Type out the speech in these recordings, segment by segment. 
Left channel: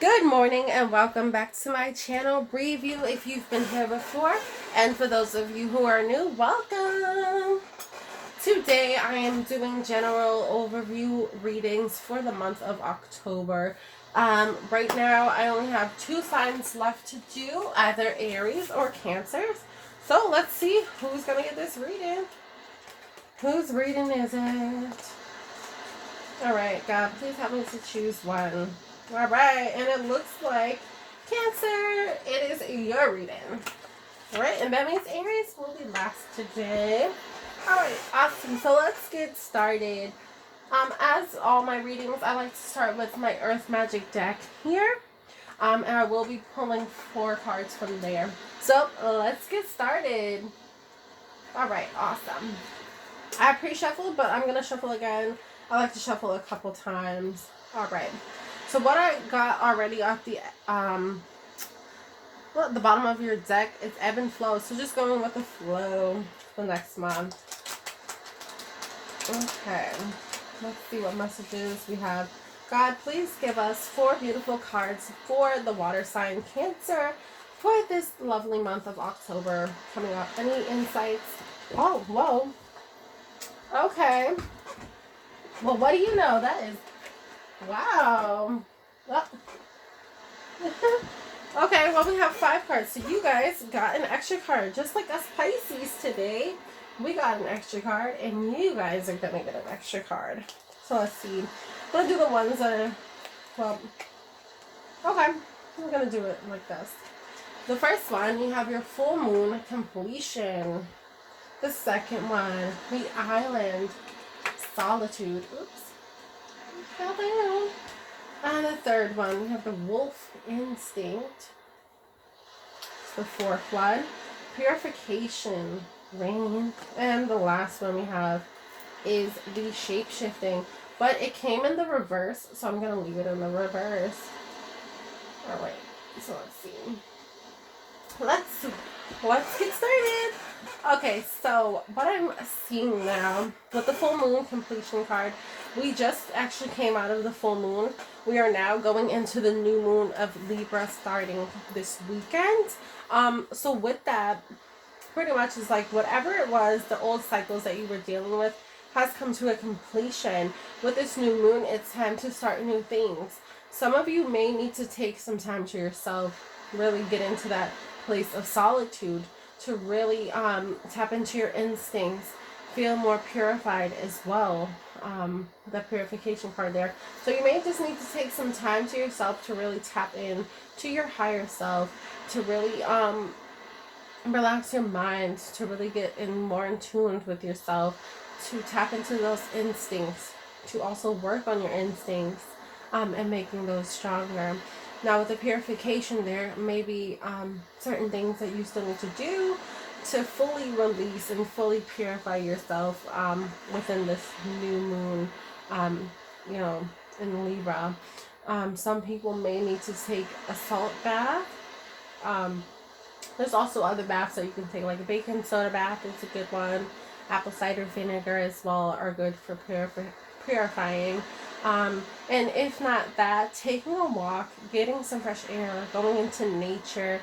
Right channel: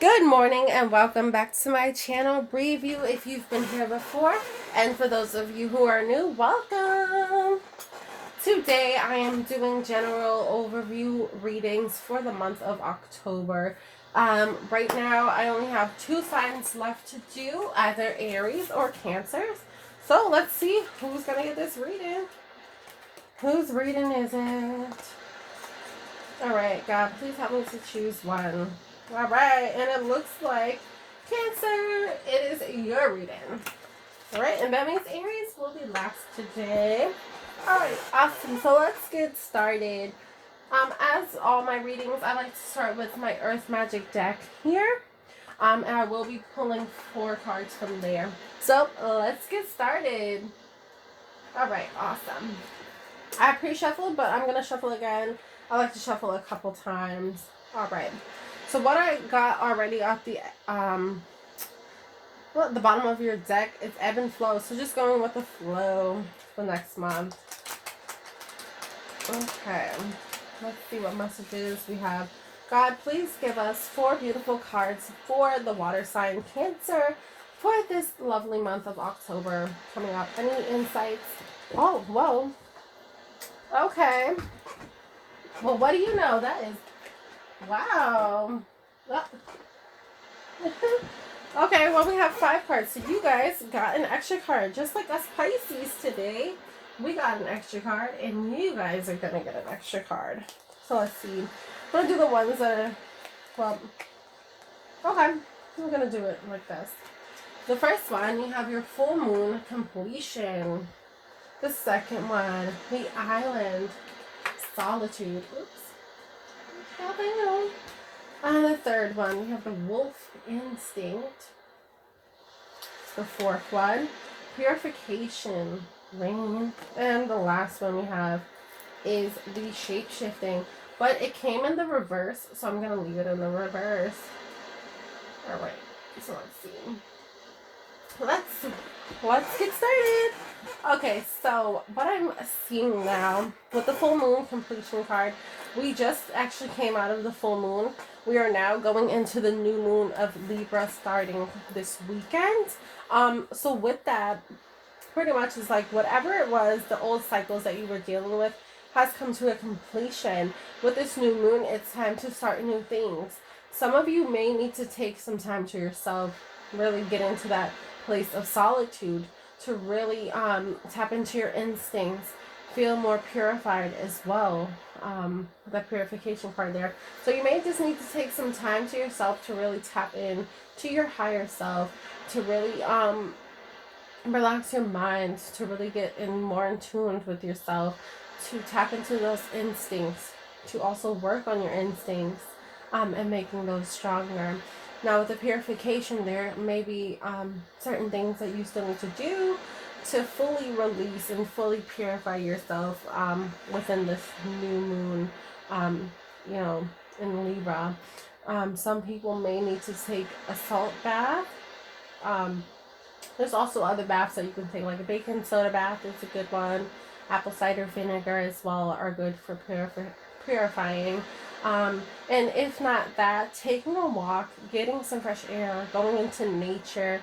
Good morning and welcome back to my channel, Briy View, if you've been here before. And for those of you who are new, welcome! Today I am doing general overview readings for the month of October. Right now I only have 2 signs left to do, either Aries or Cancers. So let's see who's going to get this reading. Whose reading is it? Alright, God, please help me to choose one. Alright, and it looks like Cancer, it is your reading. Alright, and that means Aries will be last today. Alright, awesome. So let's get started. As all my readings, I like to start with my Earth Magic deck here. And I will be pulling 4 cards from there. So let's get started. Alright, awesome. I pre-shuffled, but I'm going to shuffle again. I like to shuffle a couple times. Alright. So what I got already at the the bottom of your deck is ebb and flow. So just going with the flow for next month. Okay. Let's see what messages we have. God, please give us 4 beautiful cards for the water sign Cancer for this lovely month of October coming up. Any insights? Oh, whoa. Okay. Well, what do you know? That is... Wow. Oh. Okay, well, we have 5 cards. So you guys got an extra card. Just like us Pisces today, we got an extra card. And you guys are going to get an extra card. So let's see. I'm going to do the ones that are... Well, okay. We're going to do it like this. The first one, you have your full moon completion. The second one, the island solitude. Oops. How they know? And the third one, we have the wolf instinct. The fourth one, purification, rain. And the last one we have is the shape-shifting. But it came in the reverse, so I'm going to leave it in the reverse. Alright, so let's see. Let's get started. Okay, so what I'm seeing now with the full moon completion card, we just actually came out of the full moon. We are now going into the new moon of Libra starting this weekend. So with that, pretty much it's like whatever it was, the old cycles that you were dealing with has come to a completion. With this new moon, it's time to start new things. Some of you may need to take some time to yourself, really get into that place of solitude to really tap into your instincts, feel more purified as well. The purification card there. So you may just need to take some time to yourself to really tap in to your higher self, to really relax your mind, to really get in more in tune with yourself, to tap into those instincts, to also work on your instincts and making those stronger. Now with the purification, there may be certain things that you still need to do to fully release and fully purify yourself within this new moon, you know, in Libra. Some people may need to take a salt bath. There's also other baths that you can take, like a baking soda bath is a good one. Apple cider vinegar as well are good for purifying. And if not that, taking a walk, getting some fresh air, going into nature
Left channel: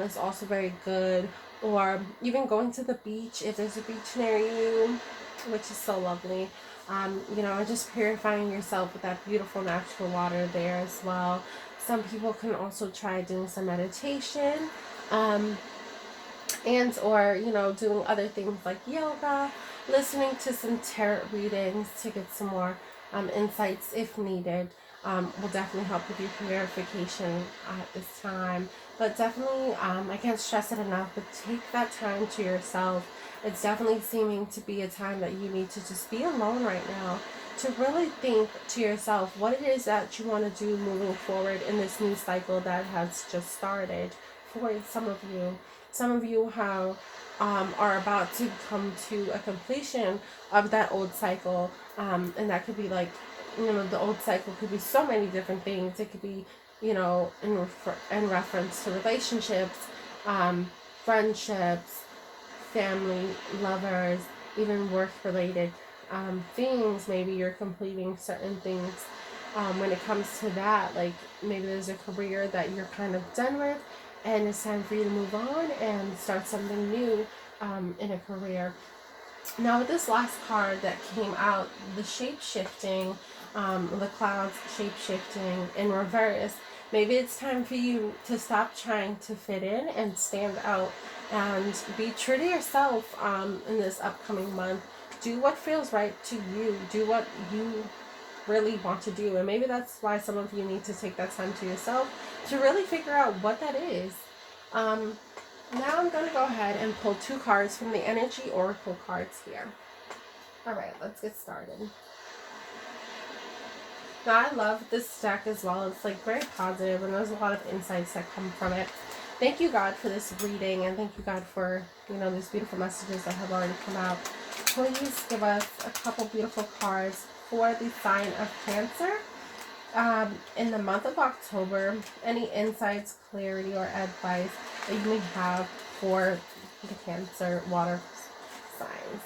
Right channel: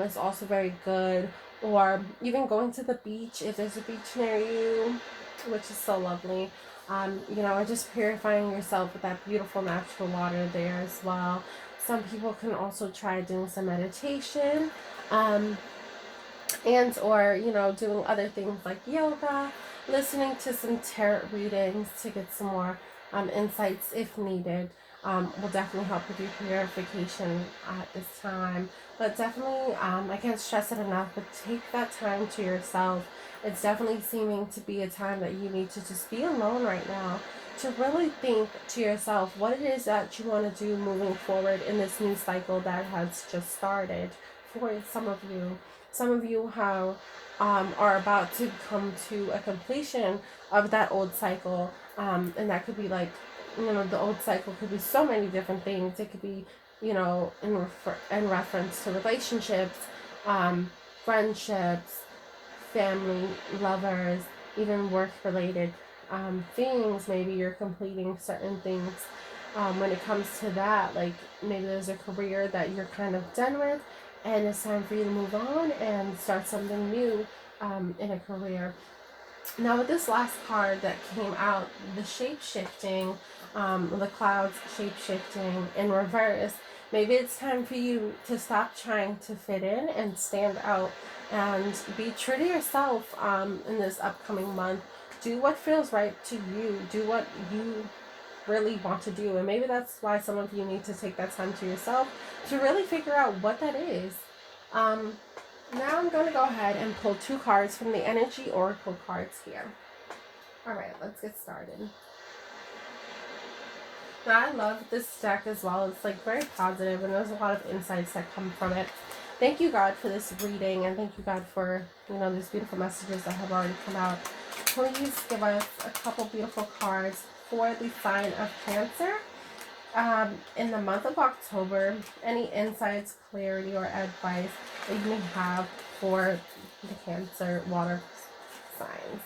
is also very good. Or even going to the beach if there's a beach near you, which is so lovely. You know, just purifying yourself with that beautiful natural water there as well. Some people can also try doing some meditation, and or, you know, doing other things like yoga, listening to some tarot readings to get some more insights if needed. Will definitely help with your purification at this time. But definitely, I can't stress it enough, but take that time to yourself. It's definitely seeming to be a time that you need to just be alone right now, to really think to yourself what it is that you want to do moving forward in this new cycle that has just started for some of you. Some of you are about to come to a completion of that old cycle, and that could be like, you know, the old cycle could be so many different things. It could be, you know, in reference to relationships, friendships, family, lovers, even work-related things. Maybe you're completing certain things when it comes to that. Like maybe there's a career that you're kind of done with, and it's time for you to move on and start something new in a career. Now with this last card that came out, the shape-shifting, the clouds shape-shifting in reverse, maybe it's time for you to stop trying to fit in and stand out and be true to yourself in this upcoming month. Do what feels right to you. Do what you really want to do. And maybe that's why some of you need to take that time to yourself to really figure out what that is. Now I'm going to go ahead and pull 2 cards from the Energy Oracle cards here. Alright, let's get started. Now I love this deck as well. It's like very positive and there's a lot of insights that come from it. Thank you, God, for this reading, and thank you, God, for, you know, these beautiful messages that have already come out. Please give us a couple beautiful cards for the sign of Cancer. In the month of October, any insights, clarity, or advice that you may have for the Cancer water signs.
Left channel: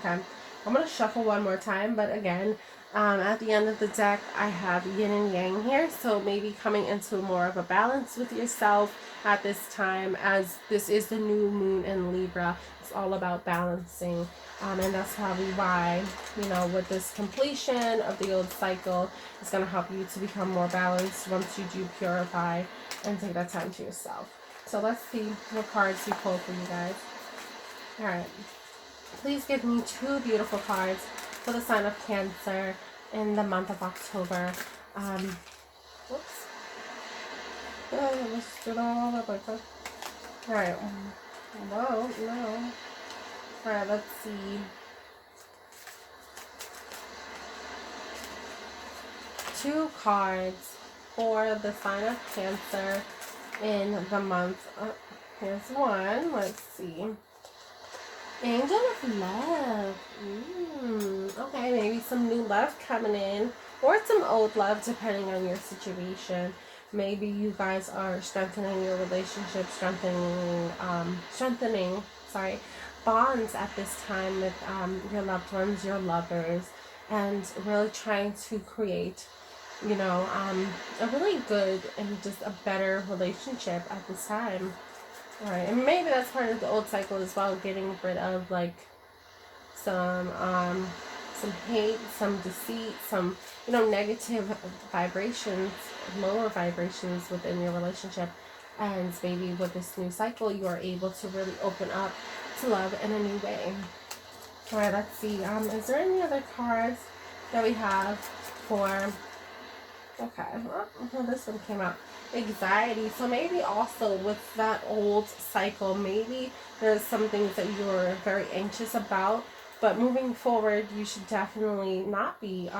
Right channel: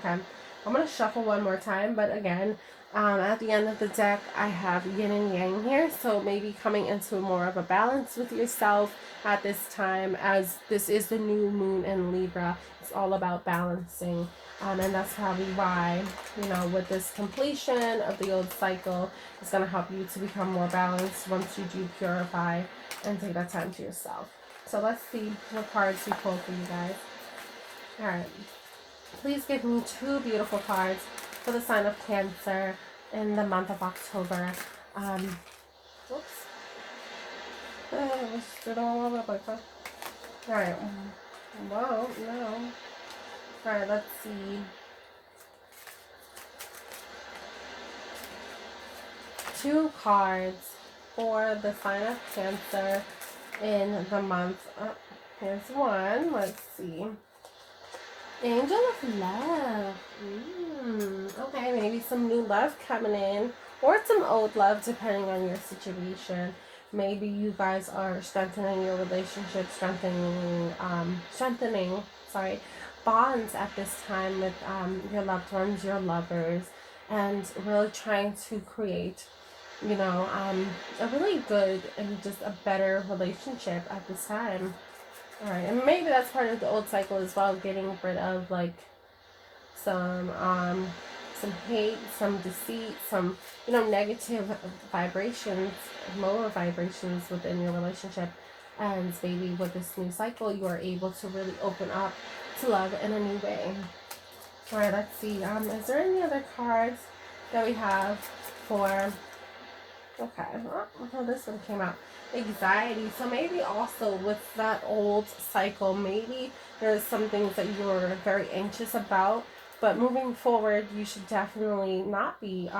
Okay, I'm going to shuffle one more time, but again, at the end of the deck, I have yin and yang here, so maybe coming into more of a balance with yourself at this time, as this is the new moon in Libra. It's all about balancing, and that's probably why, you know, with this completion of the old cycle, it's going to help you to become more balanced once you do purify and take that time to yourself. So let's see what cards we pulled for you guys. All right. Please give me 2 beautiful cards for the sign of Cancer in the month of October. Whoops. Alright. Whoa, no. Alright, let's see. 2 cards for the sign of Cancer in the month. Here's one. Let's see. Angel of Love. Okay, maybe some new love coming in, or some old love, depending on your situation. Maybe you guys are strengthening your relationship, strengthening bonds at this time with your loved ones, your lovers, and really trying to create, you know, a really good and just a better relationship at this time. Alright, and maybe that's part of the old cycle as well, getting rid of like some hate, some deceit, some, you know, negative vibrations, lower vibrations within your relationship. And maybe with this new cycle, you are able to really open up to love in a new way. Alright, let's see. Is there any other cards that we have for... Okay, well, this one came out. Anxiety. So maybe also with that old cycle, maybe there's some things that you're very anxious about, but moving forward, you should definitely not be.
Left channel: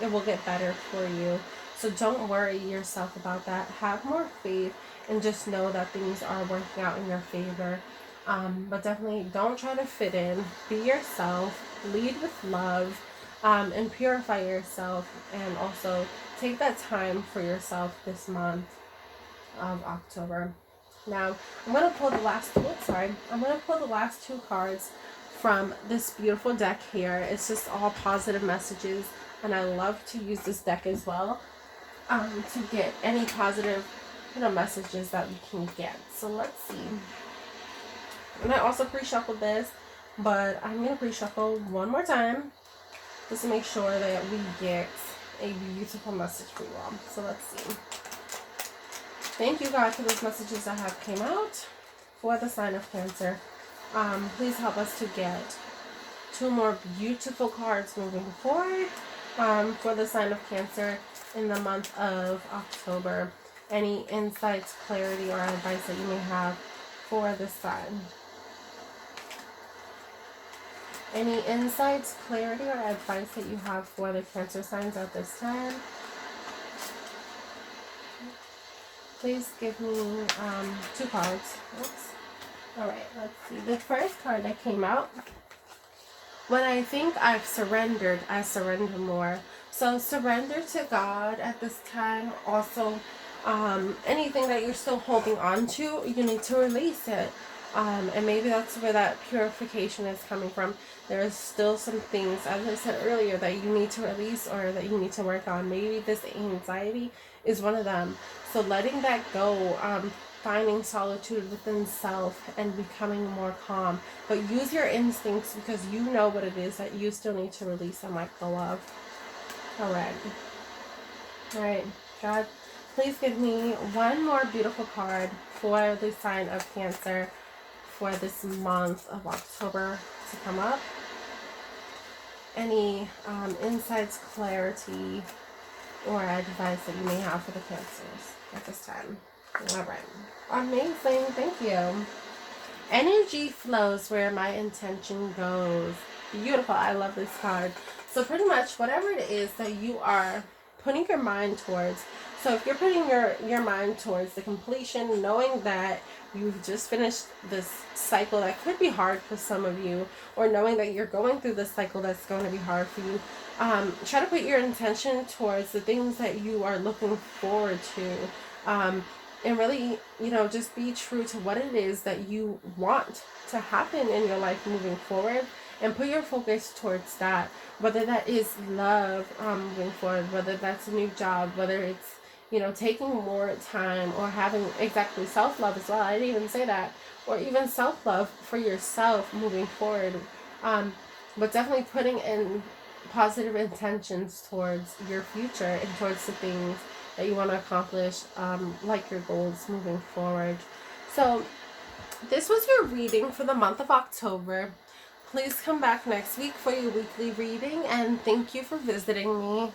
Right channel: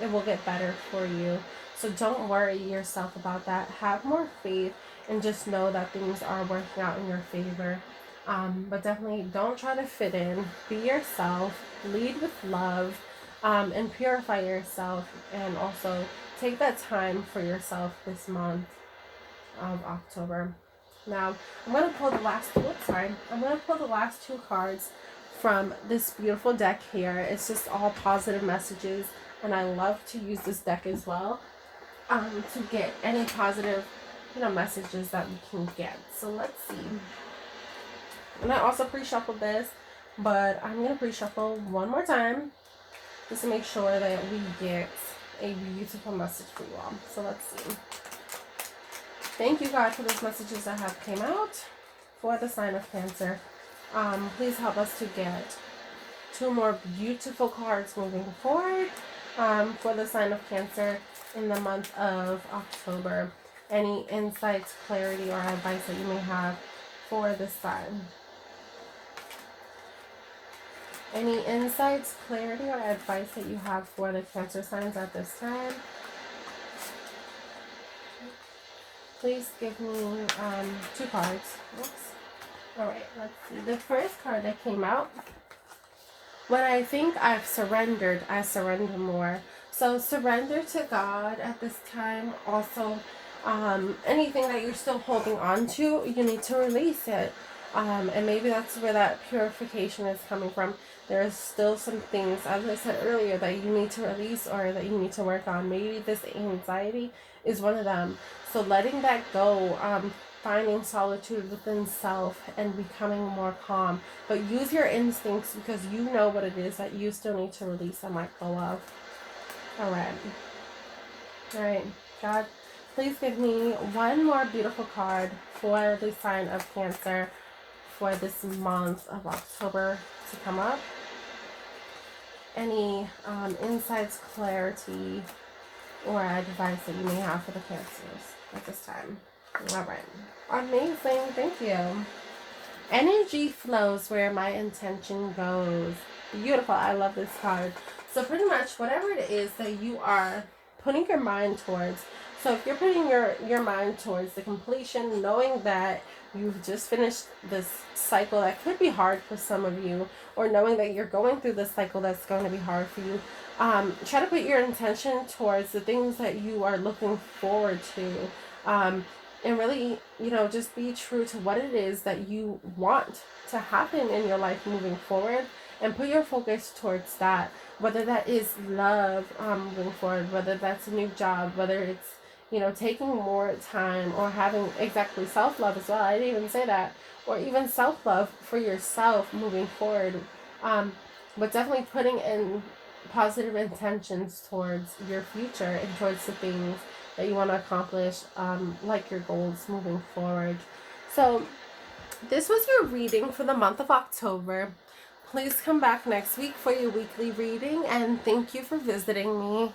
It will get better for you. So don't worry yourself about that. Have more faith and just know that things are working out in your favor. But definitely don't try to fit in. Be yourself. Lead with love. And purify yourself, and also take that time for yourself this month of October. Now, I'm going to pull the last two cards from this beautiful deck here. It's just all positive messages, and I love to use this deck as well to get any positive, you know, messages that we can get. So let's see. And I also pre-shuffled this, but I'm going to pre-shuffle one more time just to make sure that we get a beautiful message for you all. So let's see. Thank you, God, for those messages that have came out for the sign of Cancer. Please help us to get 2 more beautiful cards moving forward for the sign of Cancer in the month of October. Any insights, clarity, or advice that you may have for this sign. Any insights, clarity, or advice that you have for the Cancer signs at this time? Please give me 2 cards. Oops. Alright, let's see. The first card that came out, when I think I've surrendered, I surrender more. So surrender to God at this time. Also, anything that you're still holding on to, you need to release it. And maybe that's where that purification is coming from. There's still some things, as I said earlier, that you need to release or that you need to work on. Maybe this anxiety is one of them. So letting that go, finding solitude within self and becoming more calm. But use your instincts because you know what it is that you still need to release and let go of. Alright. Alright, God, please give me one more beautiful card for the sign of Cancer for this month of October to come up. Any insights, clarity, or advice that you may have for the Cancers at this time. Alright. Amazing. Thank you. Energy flows where my intention goes. Beautiful. I love this card. So pretty much whatever it is that you are putting your mind towards. So if you're putting your mind towards the completion, knowing that you've just finished this cycle that could be hard for some of you, or knowing that you're going through this cycle that's going to be hard for you, try to put your intention towards the things that you are looking forward to. And really, just be true to what it is that you want to happen in your life moving forward, and put your focus towards that. Whether that is love moving forward, whether that's a new job, whether it's, taking more time, or having exactly self-love as well. I didn't even say that. Or even self-love for yourself moving forward. But definitely putting in positive intentions towards your future and towards the things that you want to accomplish, like your goals moving forward. So this was your reading for the month of October. Please come back next week for your weekly reading, and thank you for visiting me.